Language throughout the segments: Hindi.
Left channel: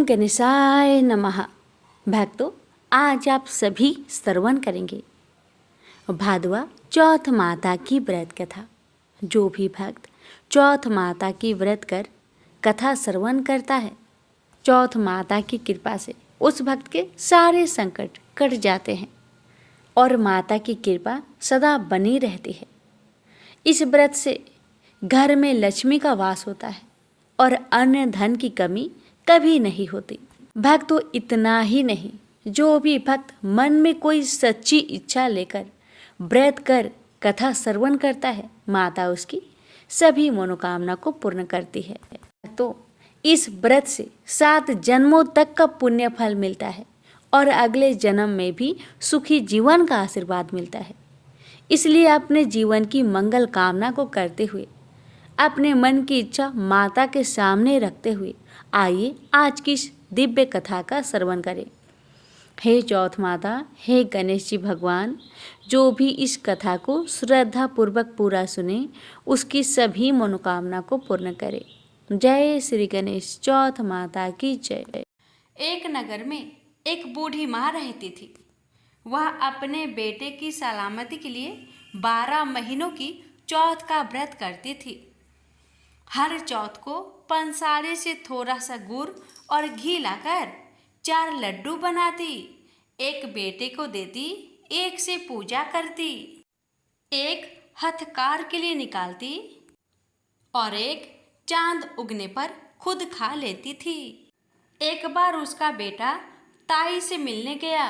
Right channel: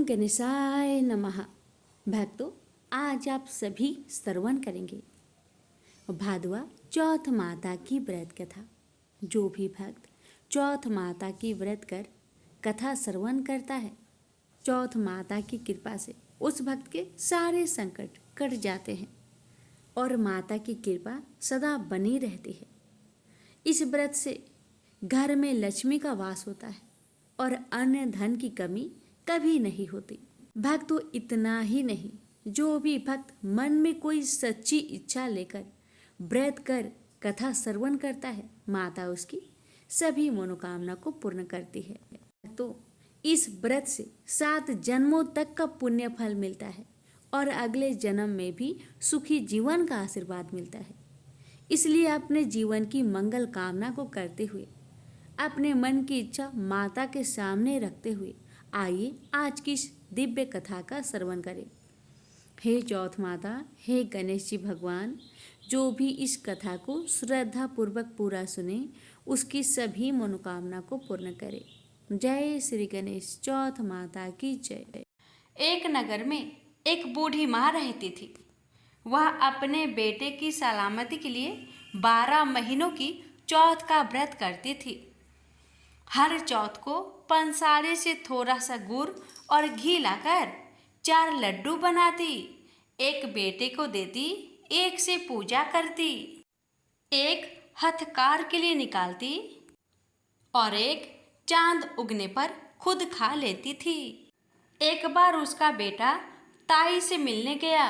ओम गणेशाय नमः। भक्तों, आज आप सभी श्रवण करेंगे भादवा चौथ माता की व्रत कथा। जो भी भक्त चौथ माता की व्रत कर कथा श्रवण करता है, चौथ माता की कृपा से उस भक्त के सारे संकट कट जाते हैं और माता की कृपा सदा बनी रहती है। इस व्रत से घर में लक्ष्मी का वास होता है और अन्य धन की कमी कभी नहीं होती। भक्तों, इतना ही नहीं, जो भी भक्त मन में कोई सच्ची इच्छा लेकर व्रत कर कथा श्रवण करता है, माता उसकी सभी मनोकामना को पूर्ण करती है। तो इस व्रत से 7 जन्मों तक का पुण्य फल मिलता है और अगले जन्म में भी सुखी जीवन का आशीर्वाद मिलता है। इसलिए अपने जीवन की मंगल कामना को करते हुए, अपने मन की इच्छा माता के सामने रखते हुए आइए आज की इस दिव्य कथा का श्रवण करें। हे चौथ माता, हे गणेश जी भगवान, जो भी इस कथा को श्रद्धा पूर्वक पूरा सुने, उसकी सभी मनोकामना को पूर्ण करे। जय श्री गणेश चौथ माता की जय। एक नगर में एक बूढ़ी माँ रहती थी। वह अपने बेटे की सलामती के लिए 12 महीनों की चौथ का व्रत करती थी। हर चौथ को पंसारे से थोड़ा सा गुड़ और घी लाकर 4 लड्डू बनाती, एक बेटे को देती, एक से पूजा करती, एक हथकार के लिए निकालती और एक चांद उगने पर खुद खा लेती थी। एक बार उसका बेटा ताई से मिलने गया।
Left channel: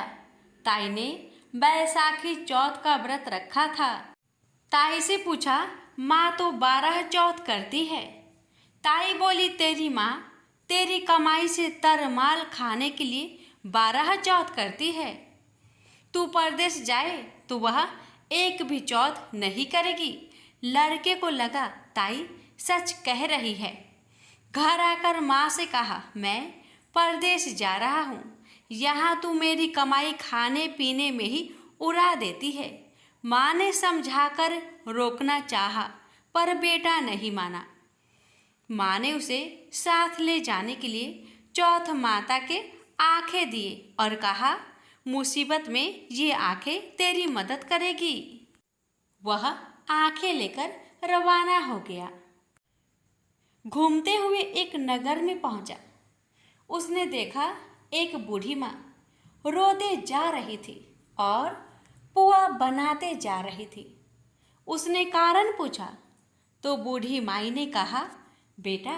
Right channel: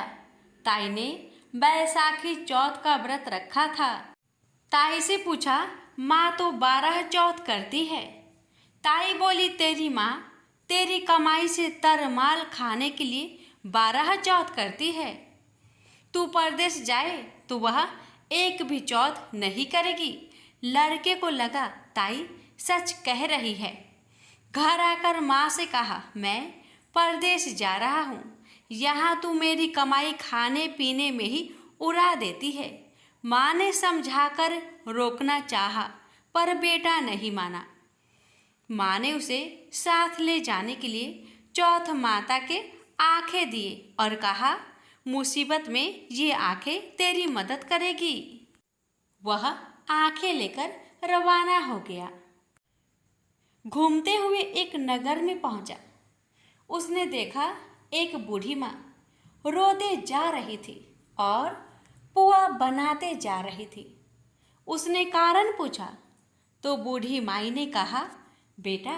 ताई ने बैसाखी चौथ का व्रत रखा था। ताई से पूछा, माँ तो 12 चौथ करती है। ताई बोली, तेरी माँ तेरी कमाई से तरमाल खाने के लिए 12 चौथ करती है। तू परदेश जाए तो वह एक भी चौथ नहीं करेगी। लड़के को लगा ताई सच कह रही है। घर आकर माँ से कहा, मैं परदेश जा रहा हूँ, यहाँ तू मेरी कमाई खाने पीने में ही उड़ा देती है। माँ ने समझाकर रोकना चाहा, पर बेटा नहीं माना। माँ ने उसे साथ ले जाने के लिए चौथ माता के आंखें दिए और कहा, मुसीबत में ये आंखें तेरी मदद करेगी। वह आंखें लेकर रवाना हो गया। घूमते हुए एक नगर में पहुंचा। उसने देखा एक बूढ़ी माँ रोते जा रही थी और पुआ बनाते जा रही थी। उसने कारण पूछा तो बूढ़ी माई ने कहा, बेटा,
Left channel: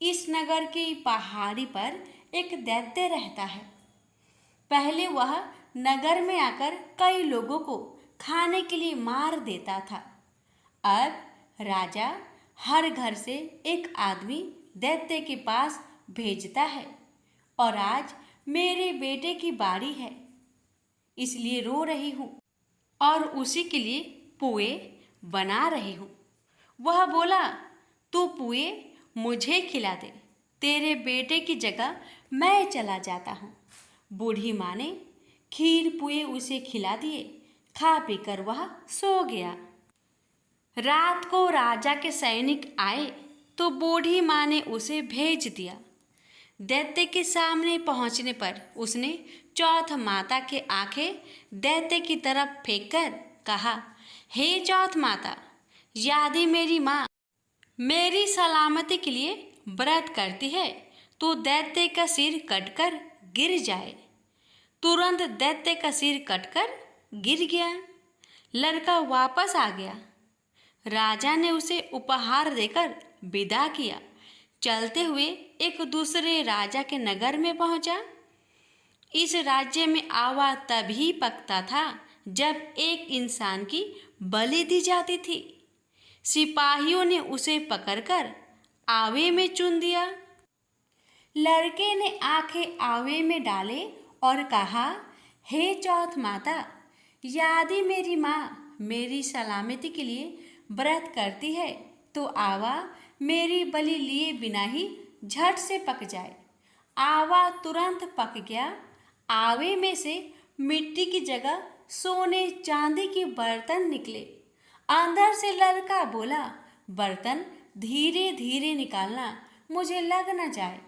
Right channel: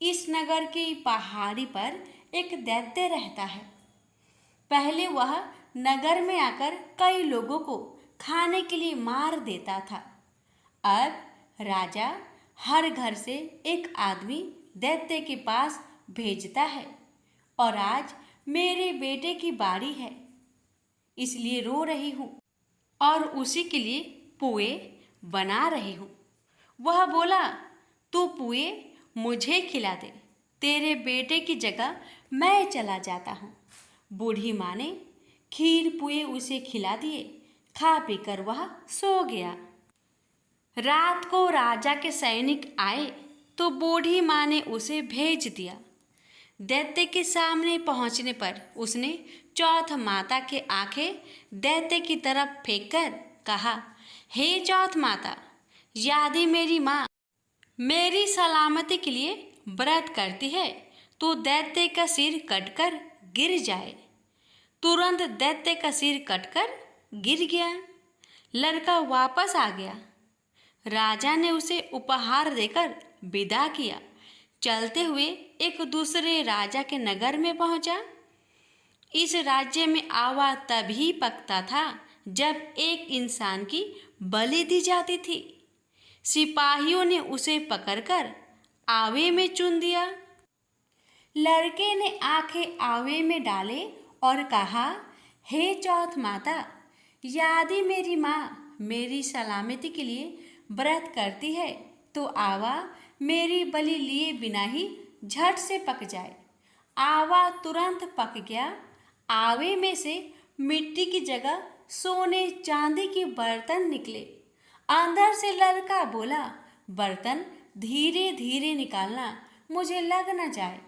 इस नगर की पहाड़ी पर एक दैत्य रहता है। पहले वह नगर में आकर कई लोगों को खाने के लिए मार देता था। अब राजा हर घर से एक आदमी दैत्य के पास भेजता है और आज मेरे बेटे की बारी है, इसलिए रो रही हूँ और उसी के लिए पुए बना रही हूँ। वह बोला, तू पुए मुझे खिला दे, तेरे बेटे की जगह मैं चला जाता हूँ। बूढ़ी माँ ने खीर पुए उसे खिला दिए। खा पीकर वह सो गया। रात को राजा के सैनिक आए तो बूढ़ी माँ ने उसे भेज दिया। दैत्य के सामने पहुँचने पर उसने चौथ माता के आंखें दैत्य की तरफ फेंककर कहा, हे चौथ माता, यदि मेरी माँ मेरी सलामती के लिए व्रत करती है तो दैत्य का सिर कटकर गिर जाए। तुरंत दैत्य का सिर कटकर गिर गया। लड़का वापस आ गया। राजा ने उसे उपहार देकर विदा किया। चलते हुए एक दूसरे राजा के नगर में पहुंचा। इस राज्य में आवा तभी पकता था जब एक इंसान की बलि दी जाती थी। सिपाहियों ने उसे पकड़कर आवे में चुन दिया। लड़के ने आंखें आवे में डाले और कहा, हे चौथ माता, यदि मेरी माँ मेरी सलामती के लिए व्रत करती है तो आवा मेरी बलि लिए बिना ही झट से पक जाए। आवा तुरंत पक गया। आवे में से मिट्टी की जगह सोने चांदी के बर्तन निकले। अंदर से लड़का बोला, बर्तन धीरे धीरे निकालना, मुझे लग न जाए।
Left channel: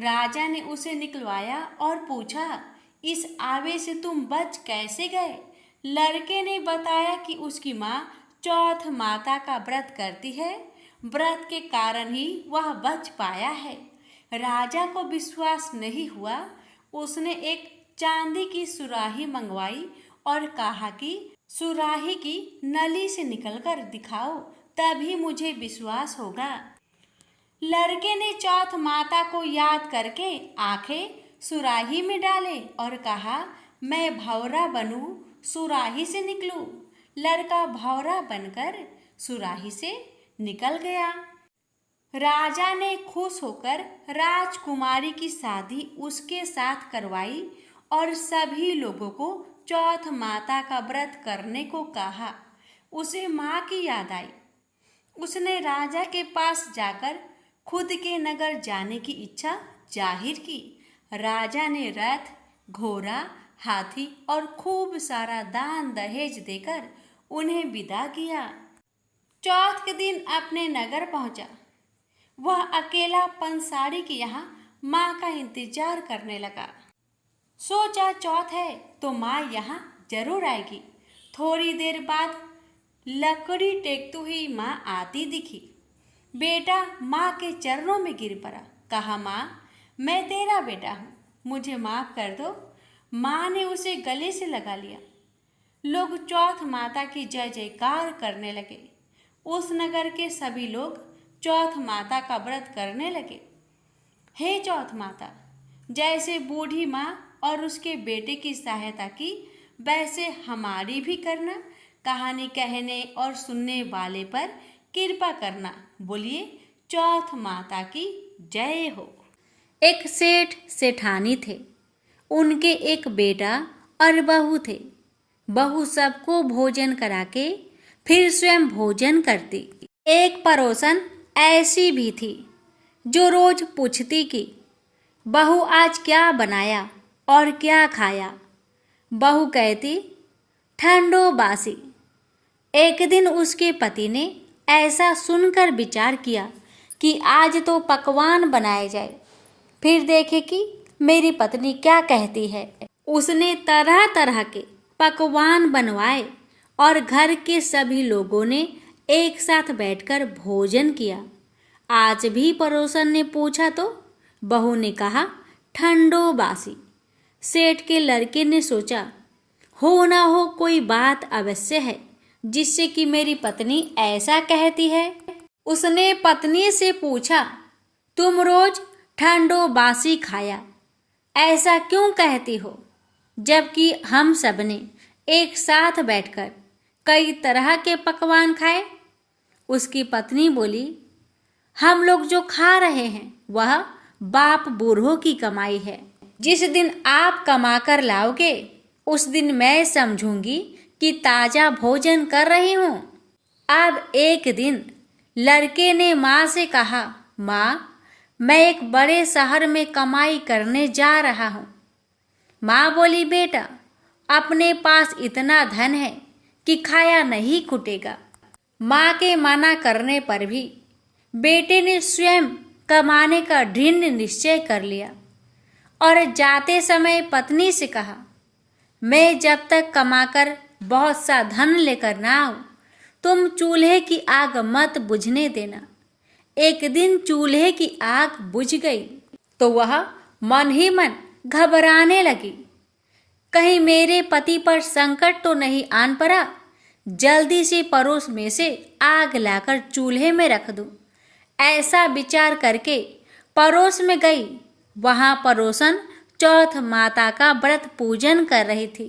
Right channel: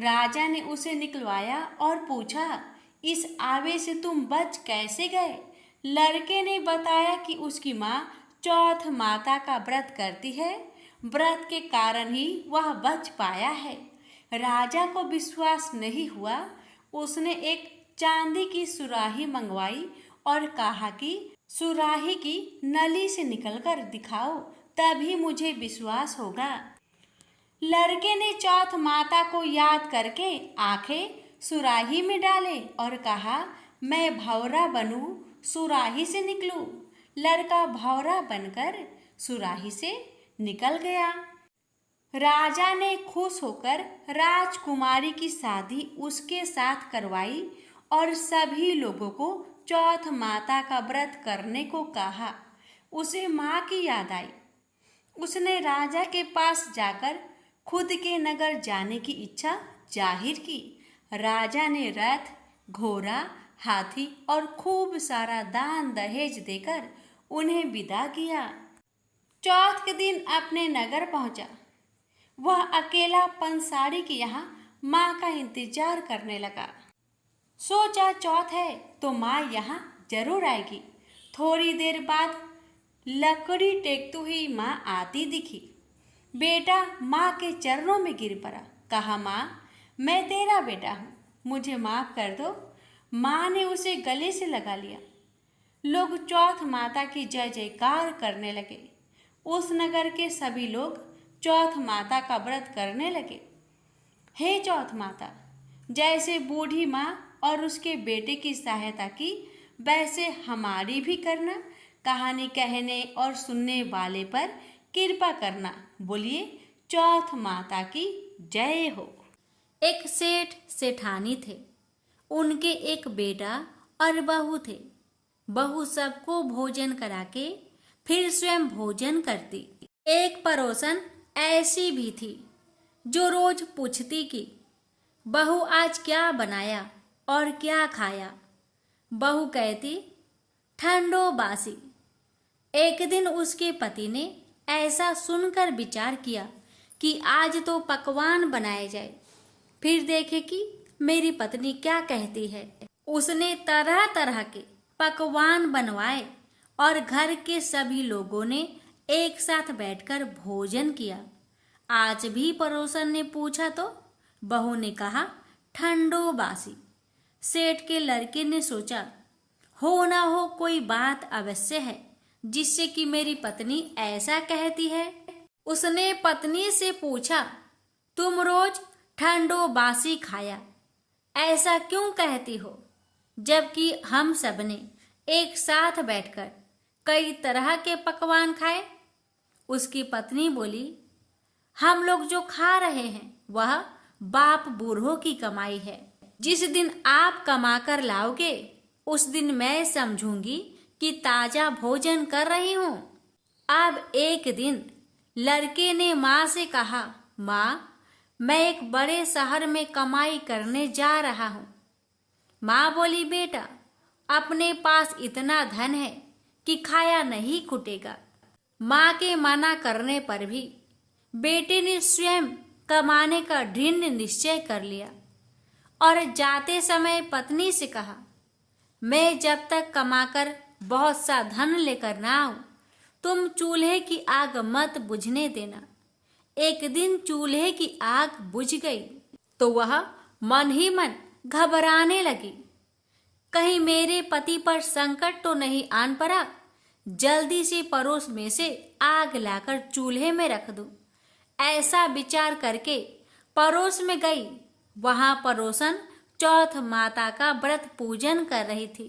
राजा ने उसे निकलवाया और पूछा, इस आवे से तुम बच कैसे गए? लड़के ने बताया कि उसकी माँ चौथ माता का व्रत करती है, व्रत के कारण ही वह बच पाया है। राजा को विश्वास नहीं हुआ। उसने एक चांदी की सुराही मंगवाई और कहा कि सुराही की नली से निकलकर दिखाओ, तभी मुझे विश्वास होगा। लड़के ने चौथ माता को याद करके आंखें सुराही में डाले और कहा, मैं भौरा बनूं, सुराही से निकलूं। लड़का भौरा बनकर सुराही से निकल गया। राजा ने खुश होकर राजकुमारी की शादी उसके साथ करवाई और सभी लोगों को चौथ माता का व्रत करने को कहा। उसे माँ की याद आई। उसने राजा के पास जाकर खुद के नगर जाने की इच्छा जाहिर की। राजा ने रथ, घोड़ा, हाथी और खूब सारा दान दहेज देकर उन्हें विदा किया। चौथ के दिन अपने नगर पहुंचा। वह अकेला पंसारी के यहाँ माँ का इंतजार करने लगा। सोचा चौथ है तो माँ यहाँ जरूर आएगी। थोड़ी देर बाद लकड़ी टेकती हुई माँ आती दिखी। बेटा माँ के चरणों में गिर पड़ा। कहा, माँ मैं तेरा बेटा हूँ, मुझे माफ़ कर दो। माँ ने उसे गले से लगा लिया। लोग चौथ माता की जय जयकार करने लगे। उस नगर के सभी लोग चौथ माता का व्रत करने लगे। हे चौथ माता, जैसे बूढ़ी माँ और उसके बेटे की सहायता की, वैसे हमारी भी करना। कहानी कहने और सुनने वाले पर कृपा करना। बोलिए चौथ माता की जय हो। एक सेठ सेठानी थे। उनके एक बेटा और बहू थे। बहू सबको भोजन करा के फिर स्वयं भोजन करती। एक पड़ोसन ऐसी भी थी जो रोज पूछती कि बहू आज क्या बनाया और क्या खाया। बहू कहती, ठंडो बासी। एक दिन उसके पति ने ऐसा सुनकर विचार किया कि आज तो पकवान बनाए जाए, फिर देखे कि मेरी पत्नी क्या कहती है। उसने तरह तरह के पकवान बनवाए और घर के सभी लोगों ने एक साथ बैठकर भोजन किया। आज भी पड़ोसन ने पूछा तो बहू ने कहा, ठंडो बासी। सेठ के लड़के ने सोचा, हो ना हो कोई बात अवश्य है जिससे कि मेरी पत्नी ऐसा कहती है। उसने पत्नी से पूछा, तुम रोज ठंडो बासी खाया, ऐसा क्यों कहती हो, जबकि हम सबने एक साथ बैठकर कई तरह के पकवान खाए। उसकी पत्नी बोली, हम लोग जो खा रहे हैं वह बाप बूढ़ों की कमाई है। जिस दिन आप कमा कर लाओगे उस दिन मैं समझूंगी कि ताजा भोजन कर रही हूँ। अब एक दिन लड़के ने माँ से कहा, माँ मैं एक बड़े शहर में कमाई करने जा रहा हूँ। माँ बोली, बेटा अपने पास इतना धन है कि खाया नहीं खुटेगा। माँ के मना करने पर भी बेटे ने स्वयं कमाने का दृढ़ निश्चय कर लिया और जाते समय पत्नी से कहा, मैं जब तक कमाकर बहुत सा धन लेकर ना आऊं, तुम चूल्हे की आग मत बुझने देना। एक दिन चूल्हे की आग बुझ गई तो वह मन ही मन घबराने लगी, कहीं मेरे पति पर संकट तो नहीं आन पड़ा। जल्दी से पड़ोस में से आग लाकर चूल्हे में रख दूं। ऐसा विचार करके पड़ोस में गई। वहां पड़ोसन चौथ माता का व्रत पूजन कर रही थी।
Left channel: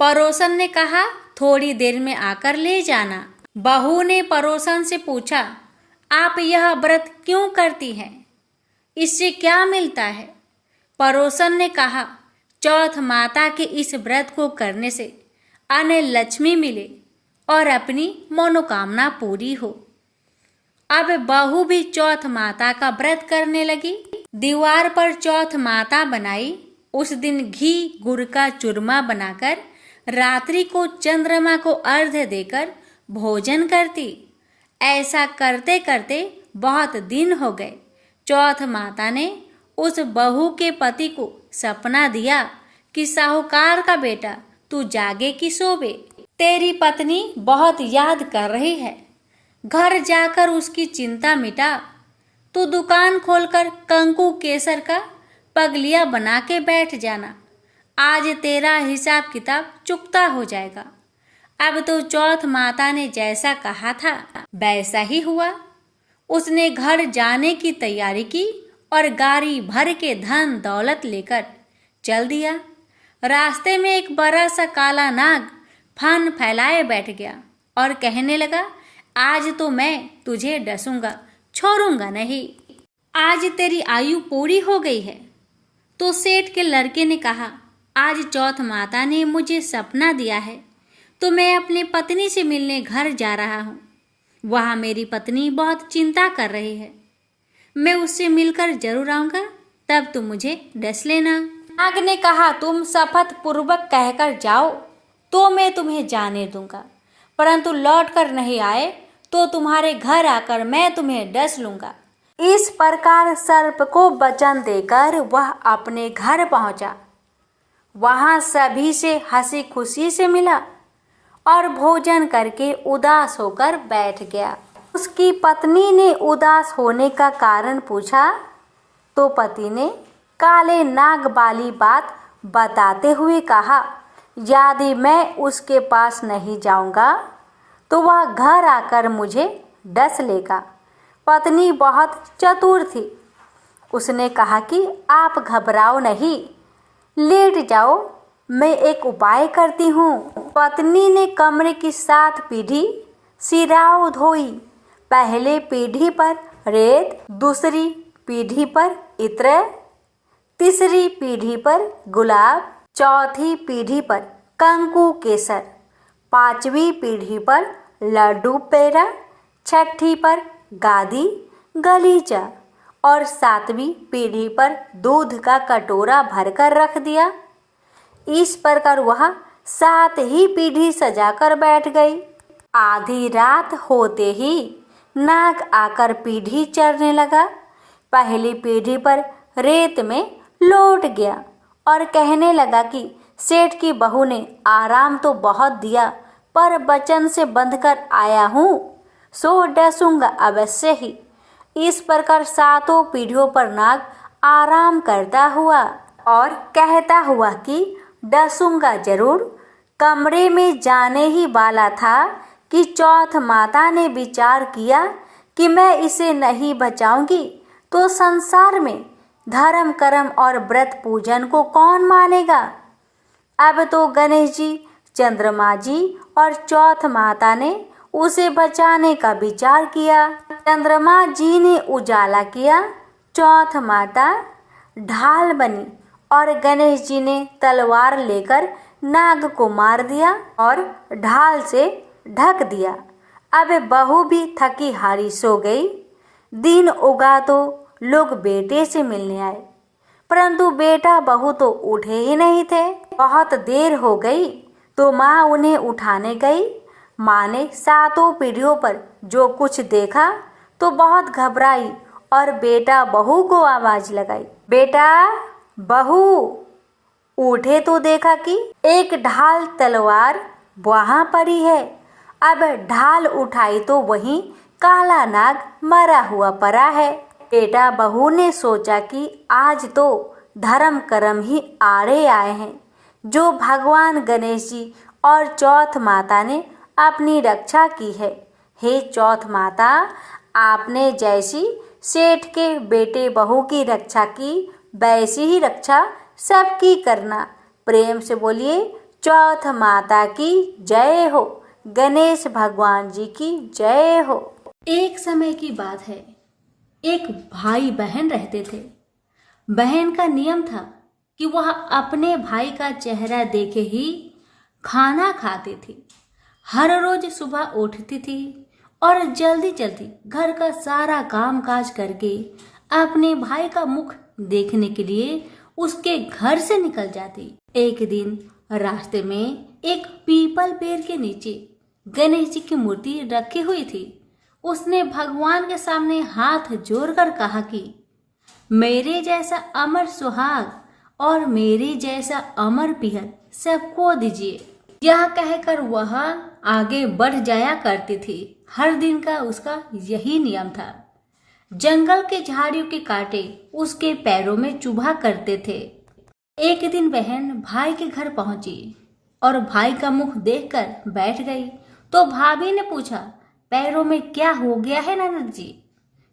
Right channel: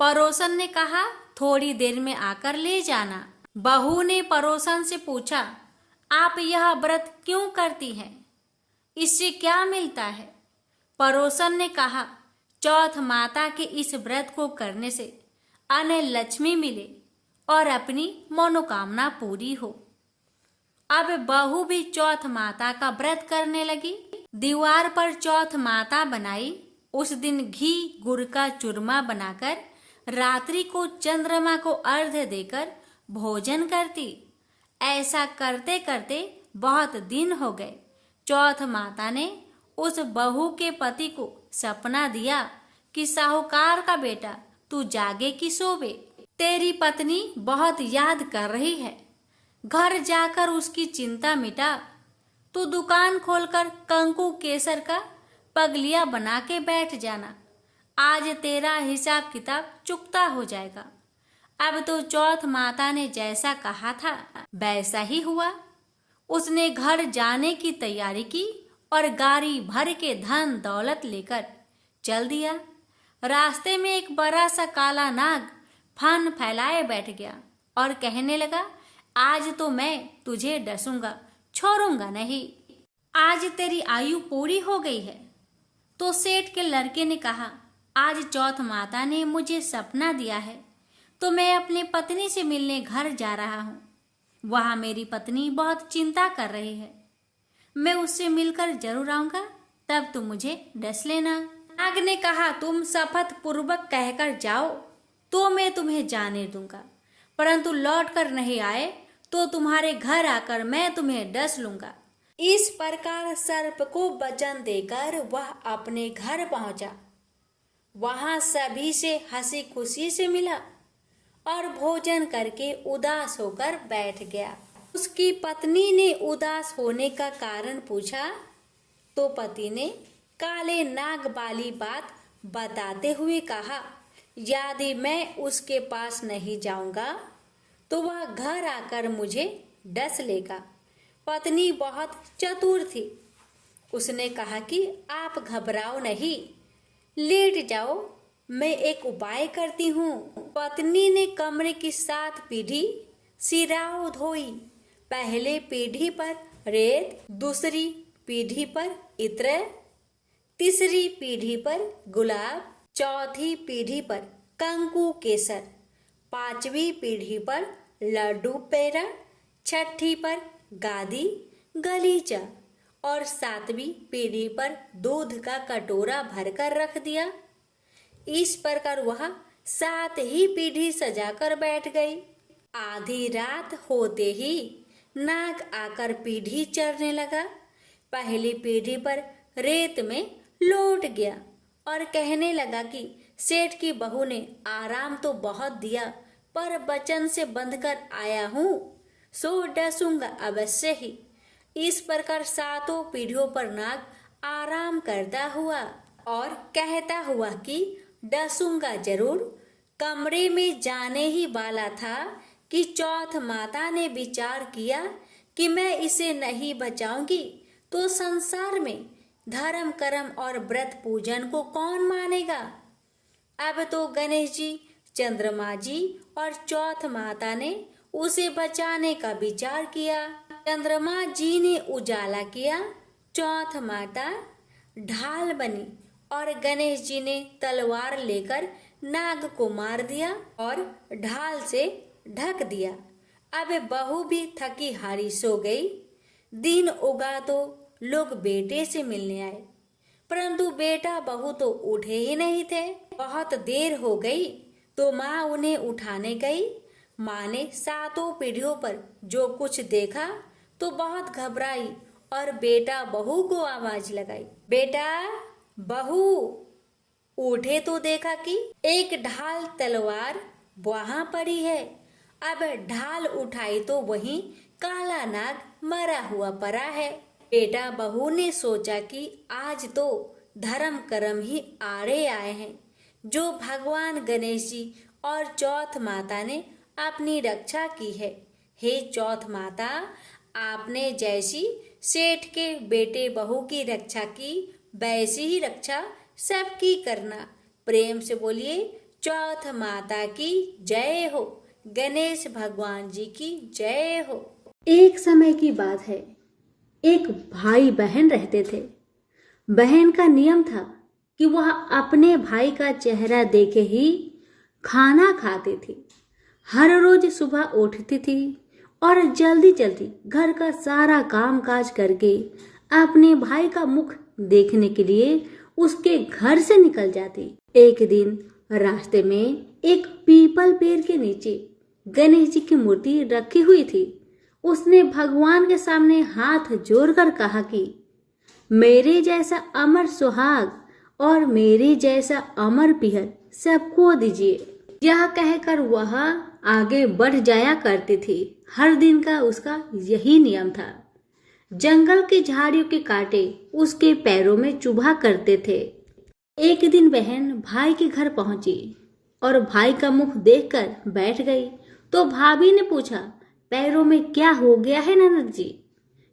पड़ोसन ने कहा, थोड़ी देर में आकर ले जाना। बहू ने पड़ोसन से पूछा, आप यह व्रत क्यों करती हैं? इससे क्या मिलता है? पड़ोसन ने कहा, चौथ माता के इस व्रत को करने से अन्न लक्ष्मी मिले और अपनी मनोकामना पूरी हो। अब बहू भी चौथ माता का व्रत करने लगी। दीवार पर चौथ माता बनाई। उस दिन घी गुड़ का चूरमा बनाकर रात्रि को चंद्रमा को अर्घ्य देकर भोजन करती। ऐसा करते करते बहुत दिन हो गए। चौथ माता ने उस बहू के पति को सपना दिया कि साहूकार का बेटा तू जागे कि सोवे, तेरी पत्नी बहुत याद कर रही है, घर जाकर उसकी चिंता मिटा। तू दुकान खोलकर कंकु केसर का पगलिया बना के बैठ जाना, आज तेरा हिसाब किताब चुकता हो जाएगा। अब तो चौथ माता ने जैसा कहा था वैसा ही हुआ। उसने घर जाने की तैयारी की और गाड़ी भर के धन दौलत लेकर चल दिया। रास्ते में एक बड़ा सा काला नाग फन फैलाए बैठ गया और कहने लगा, आज तो मैं तुझे डसूंगा, छोड़ूंगा नहीं। आज तेरी आयु पूरी हो गई है। तो सेठ के लड़के ने कहा, आज चौथ माता ने मुझे सपना दिया है तो मैं अपनी पत्नी से मिलने घर जा रहा हूँ। वहाँ मेरी पत्नी बहुत चिंता कर रही है, मैं उससे मिलकर जरूर आऊँगा, तब तुम मुझे डस लेना। नाग ने कहा, तुम शपथ पूर्वक कहकर जाओ तो मैं तुम्हें जाने दूंगा, परंतु लौट कर नहीं आए तो तुम्हारे घर आकर मैं तुम्हें डस लूंगा। इस प्रकार सर्प को वचन देकर वह अपने घर पहुंचा। वहां सभी से हंसी खुशी से मिला और भोजन करके उदास होकर बैठ गया। उसकी पत्नी ने उदास होने का कारण पूछा तो पति ने काले नाग वाली बात बताते हुए कहा, यदि मैं उसके पास नहीं जाऊंगा तो वह घर आकर मुझे डस लेगा। पत्नी बहुत चतुर थी। उसने कहा कि आप घबराओ नहीं, लेट जाओ, मैं एक उपाय करती हूँ। पत्नी ने कमरे की 7 पीढ़ी सिराओ धोई। पहले पीढ़ी पर रेत, दूसरी पीढ़ी पर इत्र, तीसरी पीढ़ी पर गुलाब, चौथी पीढ़ी पर कंकु केसर, 5वीं पीढ़ी पर लड्डू पेड़ा, 6ठी पर गादी गलीचा और 7वीं पीढ़ी पर दूध का कटोरा भरकर रख दिया। इस प्रकार वह 7 ही पीढ़ी सजाकर बैठ गई। आधी रात होते ही नाग आकर पीढ़ी चढ़ने लगा। पहली पीढ़ी पर रेत में लौट गया और कहने लगा कि सेठ की बहू ने आराम तो बहुत दिया, पर वचन से बंधकर आया हूँ, सो डसूंगा अवश्य ही। इस प्रकार 7 पीढ़ियों पर नाग आराम करता हुआ और कहता हुआ कि डसूंगा जरूर। कमरे में जाने ही वाला था कि चौथ माता ने विचार किया कि मैं इसे नहीं बचाऊंगी तो संसार में धर्म कर्म और व्रत पूजन को कौन मानेगा। अब तो गणेश जी, चंद्रमा जी और चौथ माता ने उसे बचाने का विचार किया। चंद्रमा जी ने उजाला किया, चौथ माता ढाल बनी और गणेश जी ने तलवार लेकर नाग को मार दिया और ढाल से ढक दिया। अब बहू भी थकी हारी सो गई। दिन उगा तो लोग बेटे से मिलने आए, परंतु बेटा बहू तो उठे ही नहीं थे। बहुत देर हो गई तो माँ उन्हें उठाने गई। माँ ने 7 पीढ़ियों पर जो कुछ देखा तो बहुत घबराई और बेटा बहू को आवाज लगाई, बेटा बहू उठे तो देखा कि एक ढाल तलवार वहां पड़ी है। अब ढाल उठाई तो वहीं काला नाग मरा हुआ पड़ा है। बेटा बहू ने सोचा कि आज तो धर्म कर्म ही आड़े आए हैं, जो भगवान गणेश जी और चौथ माता ने अपनी रक्षा की है। हे चौथ माता, आपने जैसी सेठ के बेटे बहू की रक्षा की वैसी ही रक्षा सबकी करना। प्रेम से बोलिए, चौथ माता की जय हो, गणेश भगवान जी की जय हो। एक समय की बात है, एक भाई बहन रहते थे। बहन का नियम था कि वह अपने भाई का चेहरा देखे ही खाना खाती थी। हर रोज सुबह उठती थी और जल्दी जल्दी घर का सारा काम काज करके अपने भाई का मुख देखने के लिए उसके घर से निकल जाती। एक दिन रास्ते में एक पीपल पेड़ के नीचे गणेश जी की मूर्ति रखी हुई थी। उसने भगवान के सामने हाथ जोड़कर कहा कि मेरे जैसा अमर सुहाग और मेरे जैसा अमर पिहर सबको दीजिए। यह कहकर वह आगे बढ़ जाया करती थी। हर दिन का उसका यही नियम था। जंगल के झाड़ियों के कांटे उसके पैरों में चुभा करते थे। एक दिन बहन भाई के घर पहुंची और भाई का मुख देखकर बैठ गई। तो भाभी ने पूछा, पैरों में क्या हो गया है ननद जी?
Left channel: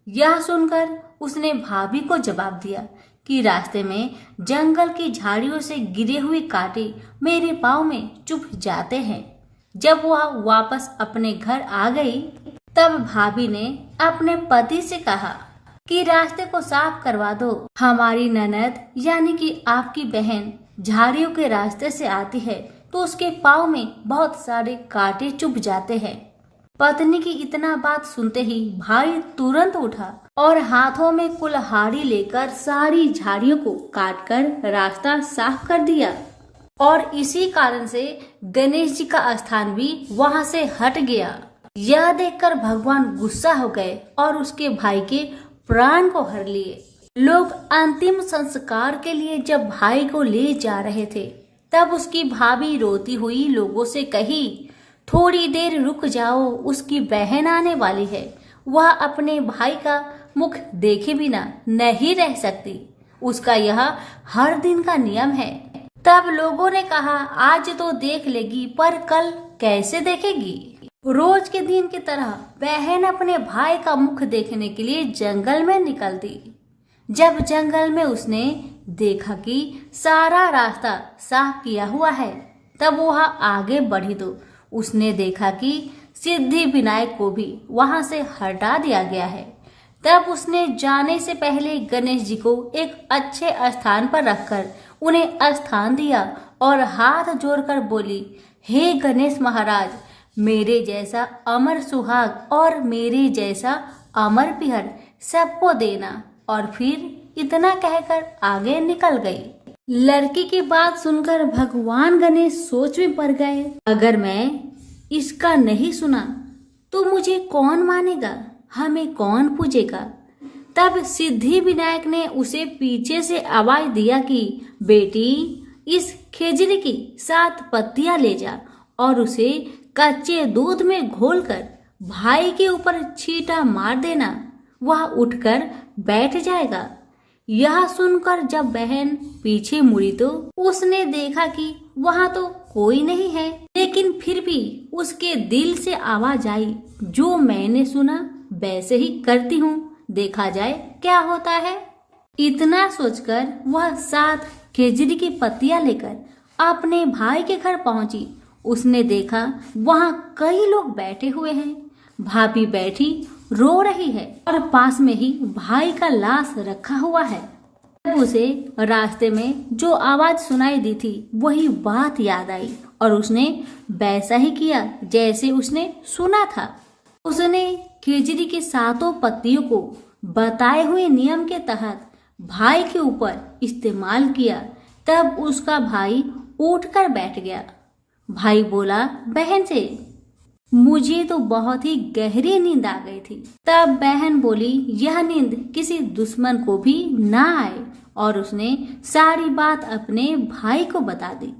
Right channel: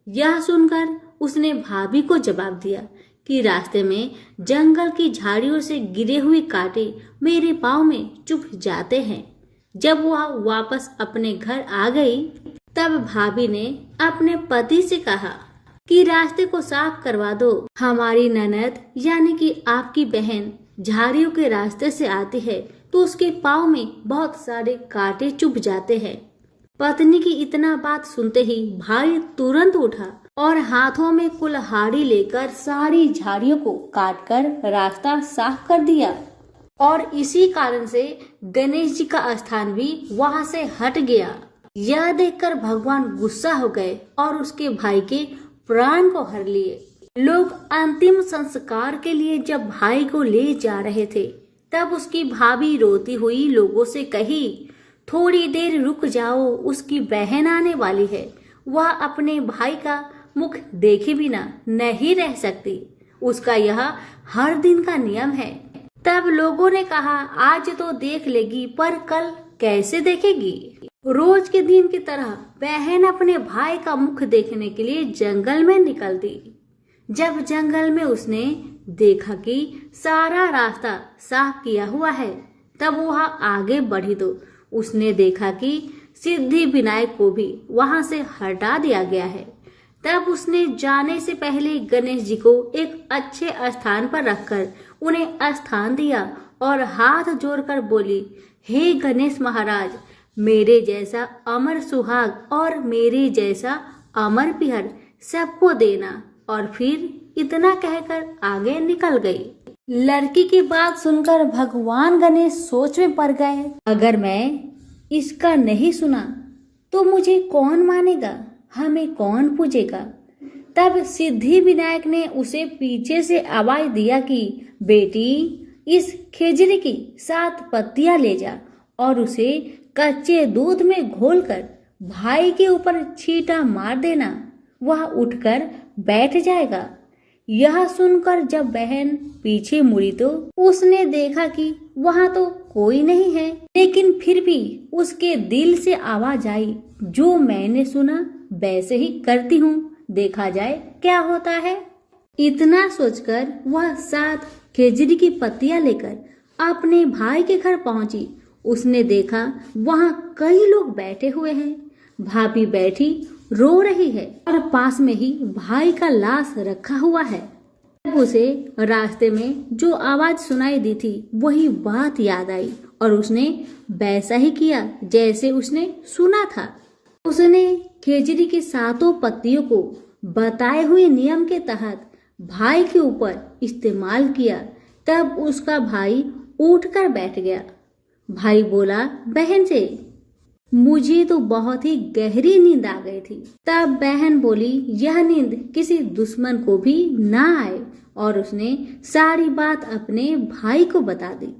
यह सुनकर उसने भाभी को जवाब दिया कि रास्ते में जंगल की झाड़ियों से गिरे हुए कांटे मेरे पाँव में चुभ जाते हैं। जब वह वापस अपने घर आ गई तब भाभी ने अपने पति से कहा कि रास्ते को साफ करवा दो। हमारी ननद यानी कि आपकी बहन झाड़ियों के रास्ते से आती है तो उसके पाँव में बहुत सारे कांटे चुभ जाते हैं। पत्नी की इतना बात सुनते ही भाई तुरंत उठा और हाथों में कुल्हाड़ी लेकर सारी झाड़ियों को काटकर रास्ता साफ कर दिया। और इसी कारण से गणेश जी का स्थान भी वहां से हट गया। यह देखकर भगवान गुस्सा हो गए और उसके भाई के प्राण को हर लिए। लोग अंतिम संस्कार के लिए जब भाई को ले जा रहे थे तब उसकी भाभी रोती हुई लोगों से कही, थोड़ी देर रुक जाओ, उसकी बहन आने वाली है। वह अपने भाई का मुख देखे बिना नहीं रह सकती। उसका यह हर दिन का नियम है। तब लोगों ने कहा, आज तो देख लेगी पर कल कैसे देखेगी? रोज के दिन की तरह बहन अपने भाई का मुख देखने के लिए जंगल में निकल दी। जब जंगल में उसने देखा कि सारा रास्ता साफ किया हुआ है तब वह आगे बढ़ी तो उसने देखा कि सिद्धि विनायक को भी वहां से हटा दिया गया है। तब उसने जाने से पहले गणेश जी को एक अच्छे स्थान पर रखकर उन्हें स्थान दिया और हाथ जोड़कर बोली, हे गणेश महाराज, मेरे जैसा अमर सुहाग और मेरे जैसा अमर पिहर सबको देना। और फिर इतना कहकर आगे निकल गई। लड़की की बात सुनकर भगवान गणेश सोच में पड़ गए, अगर मैं इसका नहीं सुना तो मुझे कौन मानेगा, हमें कौन पूजेगा? तब सिद्धि विनायक ने उसे पीछे से आवाज दिया कि बेटी, इस खेजड़ी की 7 पत्तियां ले जा और उसे कच्चे दूध में घोलकर भाई के ऊपर छींटा मार देना, वह उठकर बैठ जाएगा। यह सुनकर जब बहन पीछे मुड़ी तो उसने देखा कि वहां तो कोई नहीं है, लेकिन फिर भी उसके दिल से आवाज आई, जो मैंने सुना वैसे ही करती हूँ, देखा जाए क्या होता है। इतना सोचकर वह 7 खेजड़ी की पत्तियां लेकर अपने भाई के घर पहुंची। उसने देखा वहां कई लोग बैठे हुए हैं। भाभी बैठी रो रही है और पास में ही भाई का लाश रखा हुआ है। तब उसे रास्ते में जो आवाज सुनाई दी थी वही बात याद आई और उसने वैसा ही किया जैसे उसने सुना था। उसने खेजड़ी की 7 पत्तियों को बताए हुए नियम के तहत भाई के ऊपर इस्तेमाल किया। तब उसका भाई उठकर बैठ गया। भाई बोला बहन से, मुझे तो बहुत ही गहरी नींद आ गई थी। तब बहन बोली, यह नींद किसी दुश्मन को भी ना आए, और उसने सारी बात अपने भाई को बता दी।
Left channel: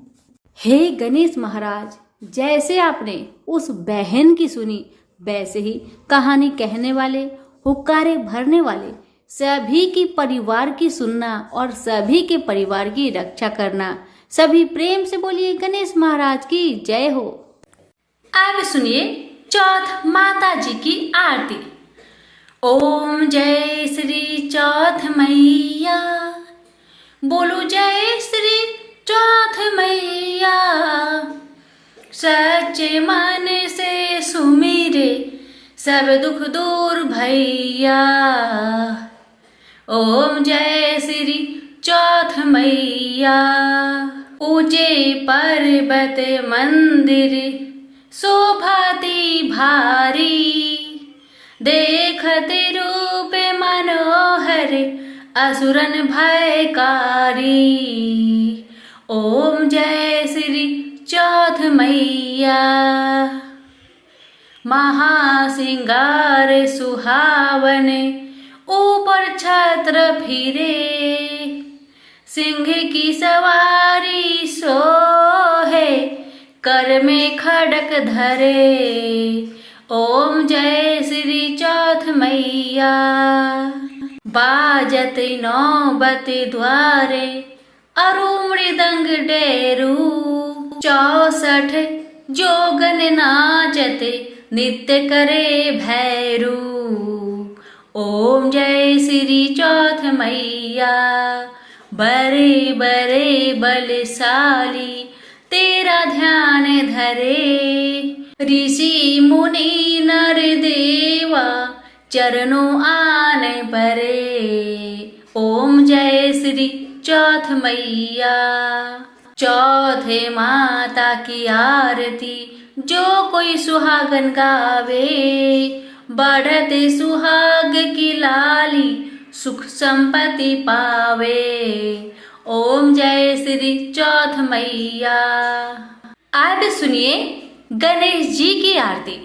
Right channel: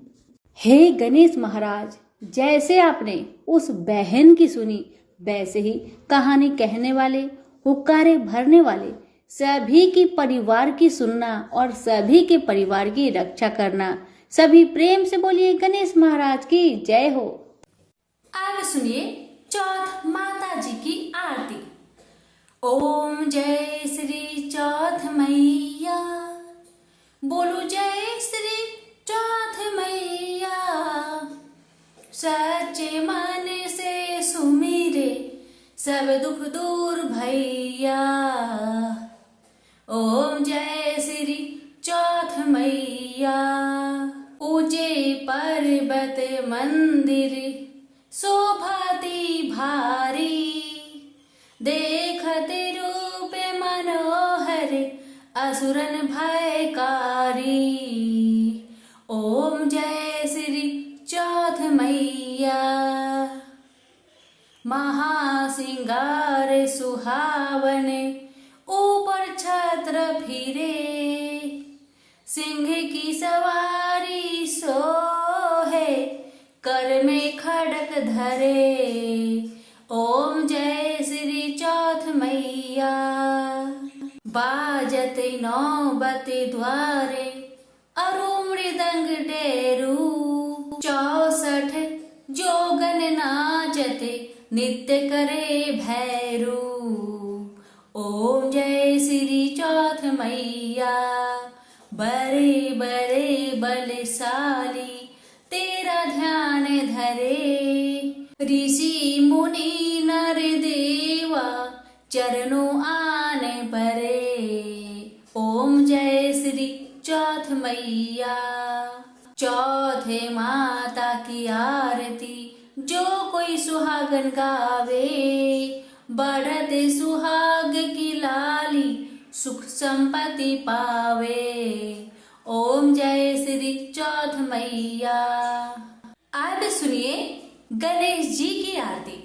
हे गणेश महाराज, जैसे आपने उस बहन की सुनी वैसे ही कहानी कहने वाले, हुक्कारे भरने वाले सभी की परिवार की सुनना और सभी के परिवार की रक्षा करना। सभी प्रेम से बोलिए गणेश महाराज की जय हो। अब सुनिए चौथ माता जी की आरती। ओम जय श्री चौथ मैया, बोलो जय श्री चौथ मैया। सच्चे मन से सुमिरे सब दुख दूर भैया। ओम जय श्री चौथ मैया। ऊंचे पर्वत मंदिर शोभाती भारी, देखत रूप मनोहर असुरन भयकारी। ओम जय श्री चौथ मैया। महासिंगार सुहावन ऊपर छत्र फिरे, सिंह की सवारी सोहे, कर में खड़क धरे। ओम जय श्री चौथ मैया। बाजत नौबत द्वारे, अरु मृदंग डेरू। 64 जोगन नाचत, नित्य करे भैरू। ओम जय श्री चौथ मैया। बरे बरे बलशाली, तेरा ध्यान धरे। ऋषि मुनि नर देवा, चरणों आन परे। ओम जय श्री चौथ मैया। चौथे माता की आरती, जो कोई सुहागन गावे। बढ़ते सुहाग की लाली, सुख संपत्ति पावे। ओम जय श्री चौथ मैया। आज सुनिए गणेश जी की आरती।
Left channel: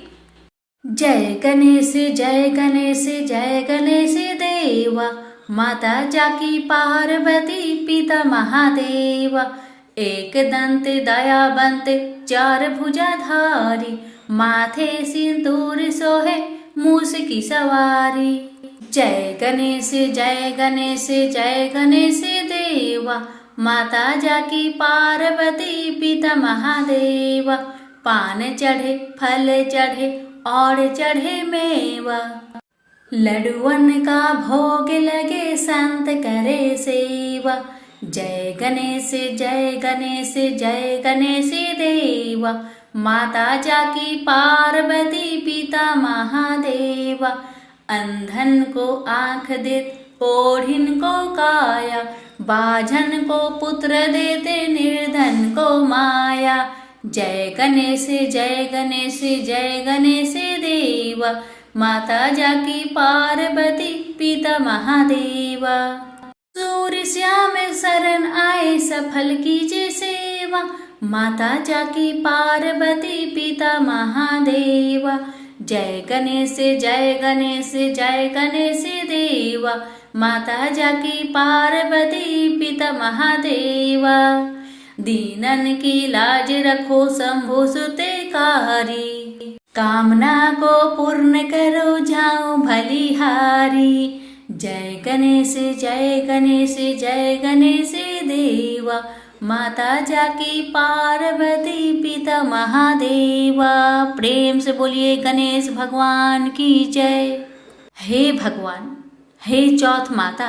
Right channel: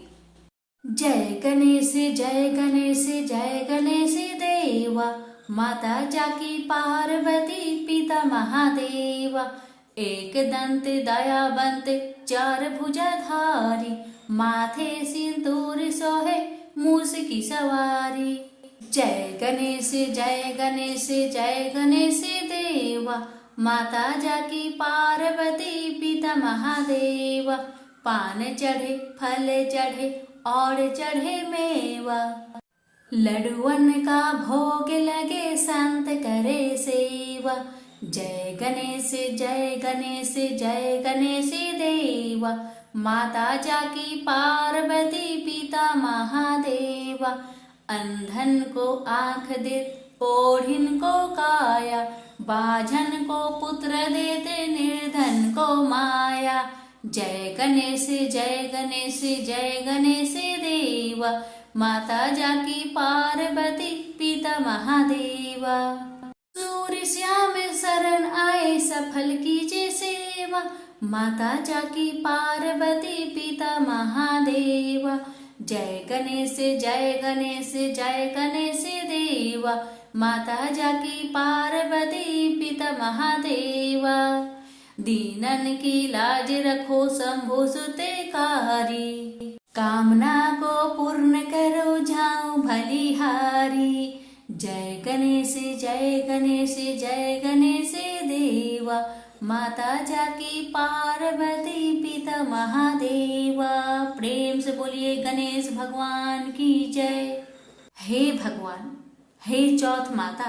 जय गणेश जय गणेश जय गणेश देवा। माता जाकी पार्वती पिता महादेवा। एक दंत दयावंत, 4 भुजाधारी। माथे सिंदूर सोहे, मूस की सवारी। जय गणेश जय गणेश जय गणेश देवा। माता जाकी पार्वती पिता महादेवा। पान चढ़े फल चढ़े और चढ़े मेवा। लड्डुअन का भोग लगे, संत करे सेवा। जय गणेश जय गणेश जय गणेश देवा। माता जाकी पार्वती पिता महादेवा। अंधन को आँख देते, ओढ़िन को काया। बाझन को पुत्र देते, निर्धन को माया। जय गणेश जय गणेश जय गणेश देवा। माता जाकी पार्वती पिता महादेवा। सूर्य श्याम शरण आए, सफल कीजिए सेवा। माता जाकी पार्वती पिता महादेवा। जय गणेश जय गणेश जय गणेश देवा। माता जाकी पार्वती पिता महादेवा। दीनन की लाज रखो, शंभु सुतेकारी। कामना को पूर्ण करो, जाओ भलिहारी। जय गणेश जय गणेश जय गणेश देवा। माता जाकी पार्वती पिता महादेवा। प्रेम से बोलिए गणेश भगवान की जय। हे भगवान, हे चौथ माता,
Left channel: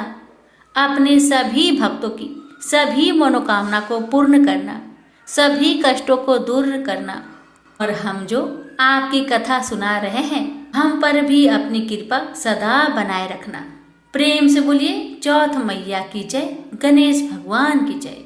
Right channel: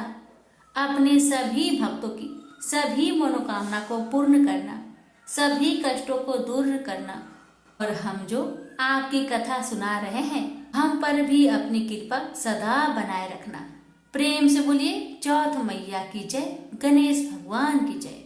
अपने सभी भक्तों की सभी मनोकामना को पूर्ण करना, सभी कष्टों को दूर करना, और हम जो आपकी कथा सुना रहे हैं, हम पर भी अपनी कृपा सदा बनाए रखना। प्रेम से बोलिए चौथ मैया की जय, गणेश भगवान की जय।